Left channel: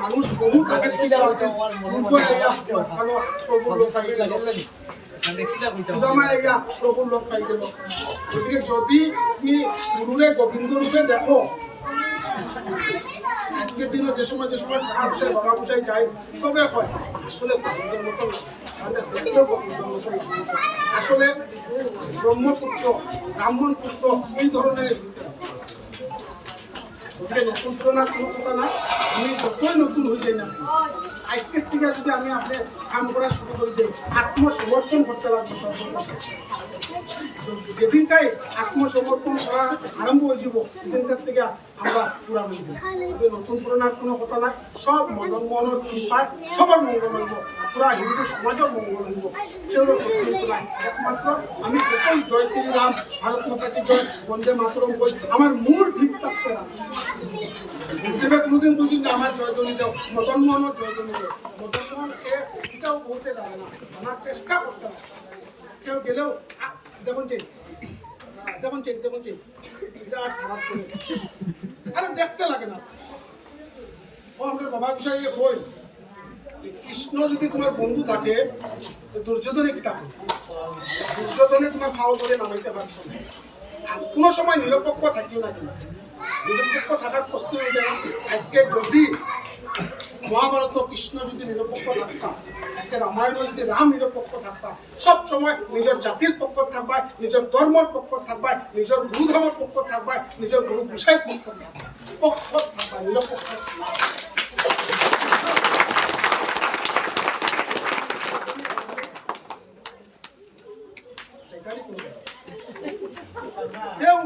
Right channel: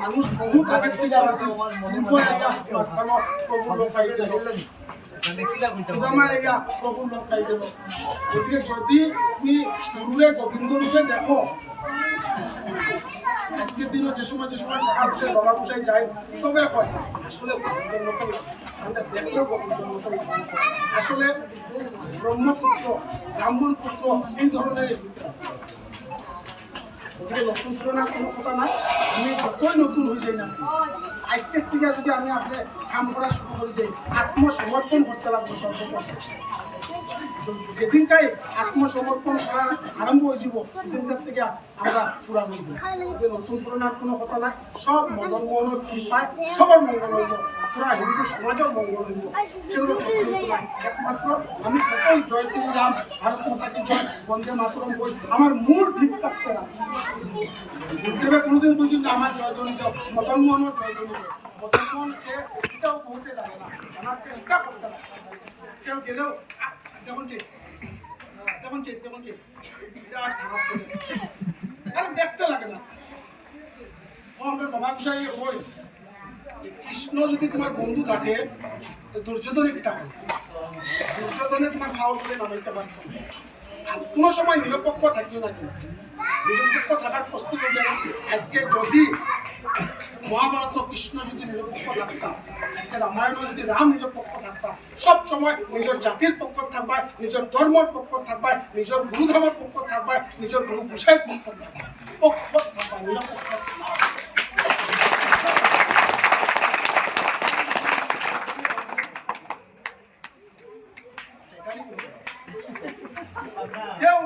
মানুষ বহু আছে প্রভুর লোক পাই গেল। গতিকে যদি তুমি গুরুরে গোবিন্দ রূপে দেখো, আজকের দিনে যে সময় টাকা পয়সা বাবা পয়সায় যায় সবে হয় আসলে গোবিন্দের মতন দেখলেও গোবিন্দের মতন আসলে ব্রহ্মপুত্র ব্রাহ্মণ পুত্র এই ধরনের নতুন তুলনার কোনো কথা না। আমি যতই নতুন হয়ে যাই না, আজকের থেকে যদি আমি আপনার কাম করা শুরু করে দিই, আত্মসমর্পণ করতে লাগবো সর্বপ্রথম। যেদিনটাই আত্মসমর্পণ করা আরম্ভ হয়ে যাব, সেদিনকার থেকে আমরা পুরা মিলব। নতুন পুরানোর কোনো কথা নাই, সব মদন মোহনের কৃপায় সবার মঙ্গল হইব, পুরা হিন্দু সমাজের মঙ্গল হইব। কেউ নাই, একমাত্র আমি যতই জয় শ্রীরাম, ভারত মাতা কি জয়, বন্দে মাতরম বই আমার মূল ঠিক থাকতে না। গুরুদেবের কোনোদিন বুঝি না আমার জয়ধ্বনি দাও, মদন মোহনের জয়ধ্বনি দাও। মদন মোহনকে এটাও বলতে লাগে না, আমার চেষ্টা করতে হবে। কেউ গেলেও দেখুন এটা আর খারাপ করে আরে দেখতে লাগে না। ও আমার বাবা গোসাই হই, কৃষ্ণ যদি তোমার বন্ধু থাকে, দুর্যোধনে কি থাকে? দুর্যোধনে তোমার ফাও করে নামাইতে পারছো না। আর কোনো সময় নিরপেক্ষ থাকি না, কেন নিরপেক্ষ থাকার প্রশ্ন এটা। আজকে যদি মহাভারত কৃষ্ণ যদি নিরপেক্ষ থাকতাম, আজকে রামায়ণ যদি রাম নিরপেক্ষ থাকতাম, সব সময় নিজের জাতির পক্ষ থাকবা, নিজের ধর্মের পক্ষ থাকবা, নিজের গুরুধর্মের পক্ষ থাকবা, নিজের গুরু গোসাইয়ের পক্ষ থাকবা, নিরপেক্ষ না। দেও